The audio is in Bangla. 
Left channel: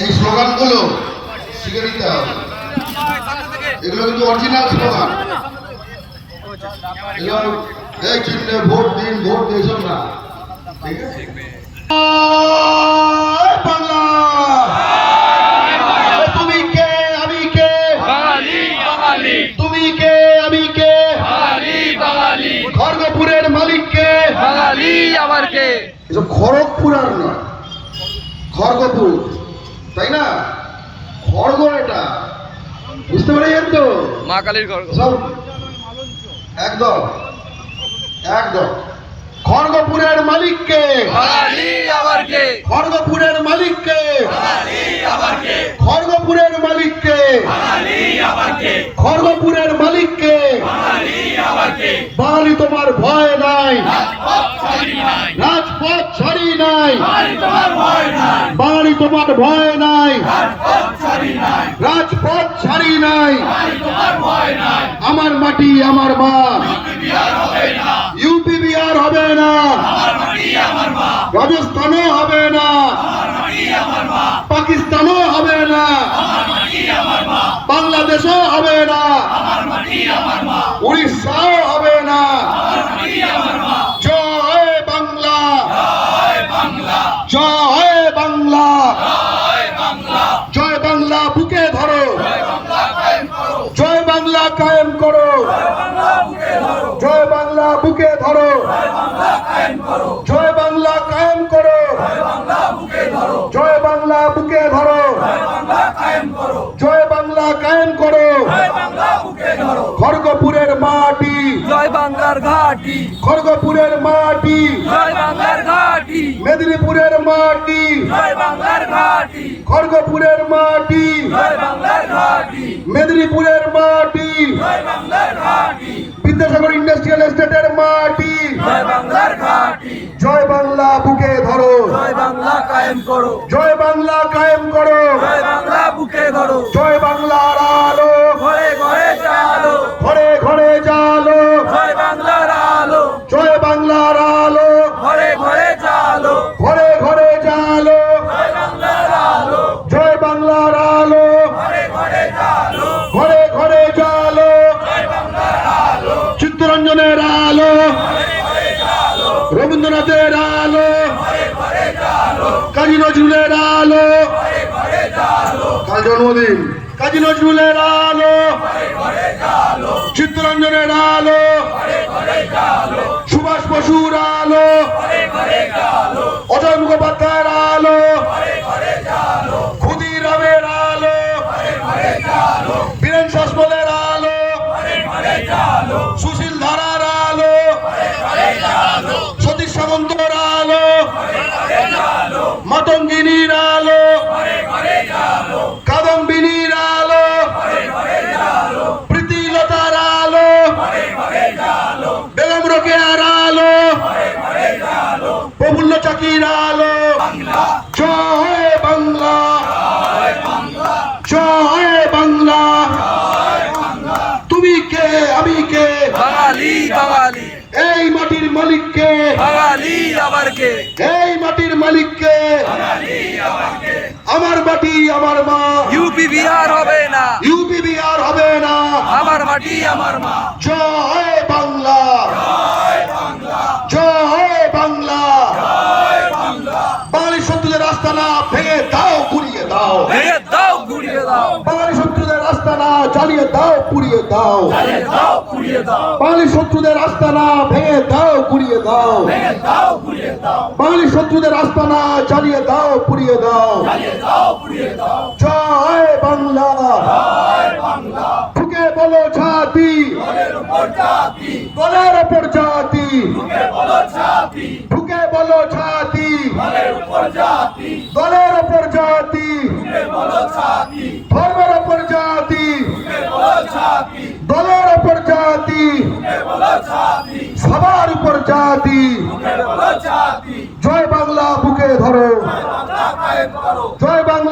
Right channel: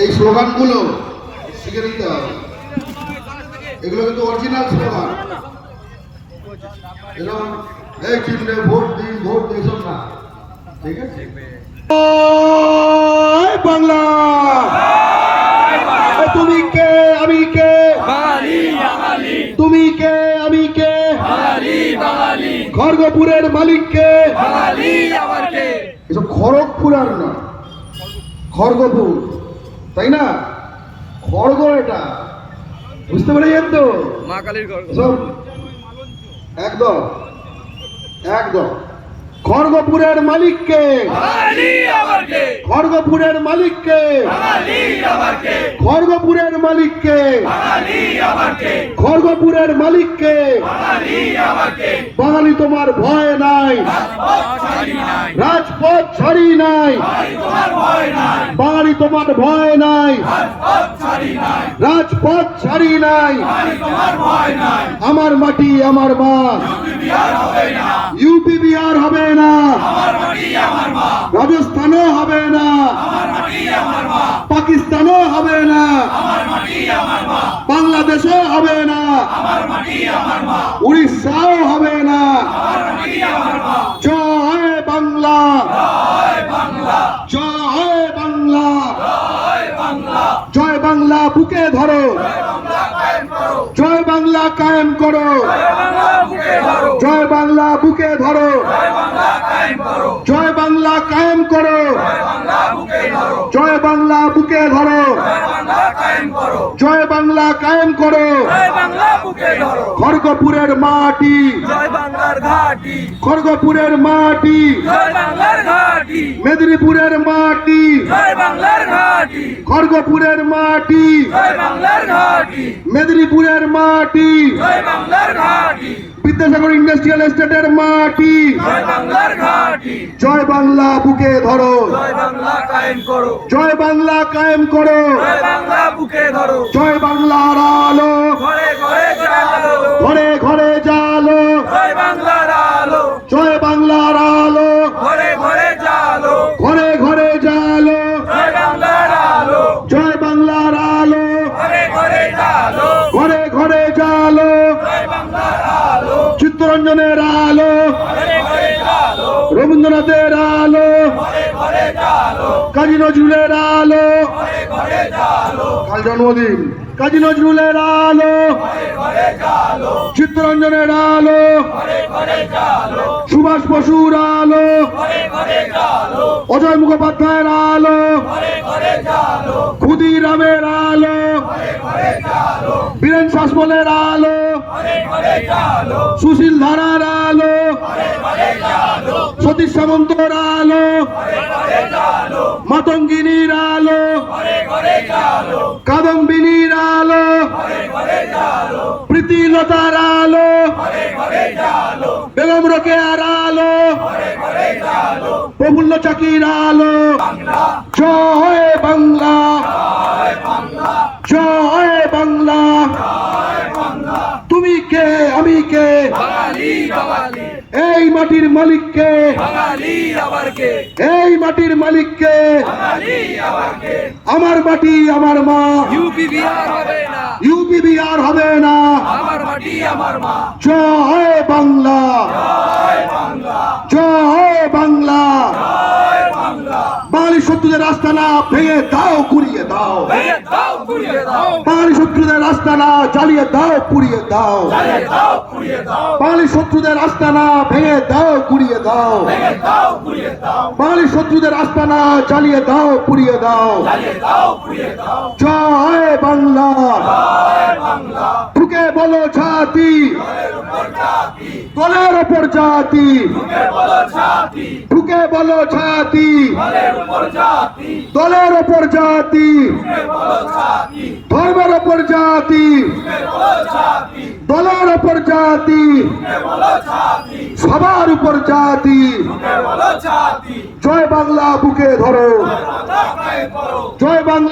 এই স্লোগানগুলো শিখে নিতে হবে। এগুলো কিন্তু অরিজিনাল স্লোগান। এগুলো এই চিনলে ভোট দিন, ভোট দিন, এসব না। ঠিক আছে? বাংলা, তুমি কে আমি কে, বাঙালি বাঙালি, তুমি কে আমি কে, বাঙালি বাঙালি, খড়গপুরের মালিক কে, বাঙালি আবার কে? এসব খড়গপুর আর না, খড়গপুর, তাই না? খড়গ, এটা বুঝতে পেরেছেন তো? মা কালীর ঘর। সব একদম একদম। খড়গপুরের মালিককে, বাঙালি আবার কে? খড়গপুরের মালিককে, বাঙালি আবার কে? খড়গপুরের মালিককে, বাঙালি আবার কে? খড়গপুরের মালিককে। বাঙালি আবার কে? বাঙালি তোমার ভয় নাই, রাজপথ ছাড়ি নাই, রাজপথ ছাড়ি নাই, বাঙালি তোমার ভয় নাই, বাঙালি তোমার ভয় নাই, রাজপথ ছাড়ি নাই, রাজপথ ছাড়ি নাই। বাঙালি তোমার ভয় নাই। আমার মাটি আমার মা, বিহার হবে না, ইউপি বিহার হবে না, আমার মাটি আমার মা, রাজস্থানও হবে না, আমার মাটি আমার মা, পাকিস্তানও হবে না, আমার মাটি আমার মা, বাংলাদেশও হবে না, আমার মাটি আমার মা, উড়িষ্যাও হবে না। আমার মাটি আমার মা। জয় বাংলা, জয় বাংলা, জয় বাংলা, জয় বাংলা, জয় বাংলা বুকে ধরো, জয় বাংলা কায়েম করো, জয় বাংলা কায়েম করো, জয় বাংলা বুকে ধরো, জয় বাংলা বুকে ধরো, জয় বাংলা কায়েম করো, জয় বাংলা কায়েম করো, জয় বাংলা বুকে ধরো, জয় বাংলা বুকে ধরো, জয় বাংলা কায়েম করো, জয় বাংলা কায়েম করো। জয় বাংলা বুকে ধরো। খড়গপুরের মাটি, জয় বাংলার ঘাটি, খড়গপুরের মাটি, জয় বাংলার ঘাটি, মেদিনীপুরের মাটি, জয় বাংলার ঘাটি, খড়গপুরের মাটি, জয় বাংলার ঘাটি, মেদিনীপুরের মাটি, জয় বাংলার ঘাটি, বিদ্যাসাগর ইন্ডাস্ট্রিয়াল এস্টেটের মাটি। জয় বাংলার ঘাটি, জয় বাংলা বুকে ধরো, জয় বাংলা কায়েম করো, জয় বাংলা কায়েম করো, জয় বাংলা বুকে ধরো, জয় বাংলার আলো, ঘরে ঘরে জালো, ঘরে ঘরে জালো, জয় বাংলার আলো, জয় বাংলার আলো, ঘরে ঘরে জালো, ঘরে ঘরে জালো, জয় বাংলার আলো, জয় বাংলার আলো, ঘরে ঘরে জালো, ঘরে ঘরে জালো, জয় বাংলার আলো, চিত্তরঞ্জনের আলো, ঘরে ঘরে জালো, রবীন্দ্রনাথের আলো, ঘরে ঘরে জালো, কাজী নজরুলের আলো। ঘরে ঘরে জালো, কাল জন্মদিন, কাজী নজরুলের আলো, ঘরে ঘরে জালো, চিত্তরঞ্জনের আলো, ঘরে ঘরে জালো, সুভাষ বসুর আলো, ঘরে ঘরে জালো, অজয় মুখোপাধ্যায়ের আলো, ঘরে ঘরে জালো, ক্ষুদিরামের আলো, ঘরে ঘরে জালো, বীরেন শাসমলের আলো, ঘরে ঘরে জালো, সুশীল ধারার আলো, ঘরে ঘরে জালো, সতীশ সামন্তের আলো, ঘরে ঘরে জালো, মাতঙ্গিনীর আলো, ঘরে ঘরে জালো, কাদম্বিনীর আলো, ঘরে ঘরে জালো, প্রীতিলতার আলো, ঘরে ঘরে জালো, বেগম রোকেয়ার আলো, ঘরে ঘরে জালো, প্রফুল্ল চাকির আলো। বাংলা, জয় বাংলা, জয় বাংলা, জয় বাংলা। জয় বাংলা, তুমি কে আমি কে, বাঙালি বাঙালি, এই মাটির মালিককে, বাঙালি আবার কে? এই মাটির মালিককে। বাঙালি আবার কে? আমার মাটি আমার মা, ইউপি বিহার হবে না, ইউপি বিহার হবে না। আমার মাটি আমার মা। জয় বাংলা, জয় বাংলা, জয় বাংলা। জয় বাংলা, বাঙালি শত্রুদের আস্তানা ভেঙে দাও, গুড়িয়ে দাও। ভেঙে দাও গুড়িয়ে দাও, বাঙালি শত্রুদের আস্তানা জ্বালিয়ে দাও, পুড়িয়ে দাও। জ্বালিয়ে দাও পুড়িয়ে দাও, বাঙালি শত্রুদের আস্তানা ভেঙে দাও, গুড়িয়ে দাও। ভেঙে দাও গুড়িয়ে দাও, বাঙালি শত্রুদের আস্তানা জ্বালিয়ে দাও, পুড়িয়ে দাও। জ্বালিয়ে দাও পুড়িয়ে দাও। জয় বাংলা। জয় বাংলা, ঠুকে বলো জাতি, দলের উপর জাতি, দলের ওপর জাতি। ঢুকে বলো জাতি, ঠুকে বলো জাতি, দলের উপর জাতি, দলের ওপর জাতি। ঢুকে বলো জাতি, ধর্মের ওপর জাতি, ঢুকে বলো জাতি, দলের ওপর জাতি। ঢুকে বলো জাতি, সবার উপর জাতি। ঢুকে বলো জাতি। জয় বাংলা বুকে ধরো, বাংলা কায়েম করো, জয় বাংলা।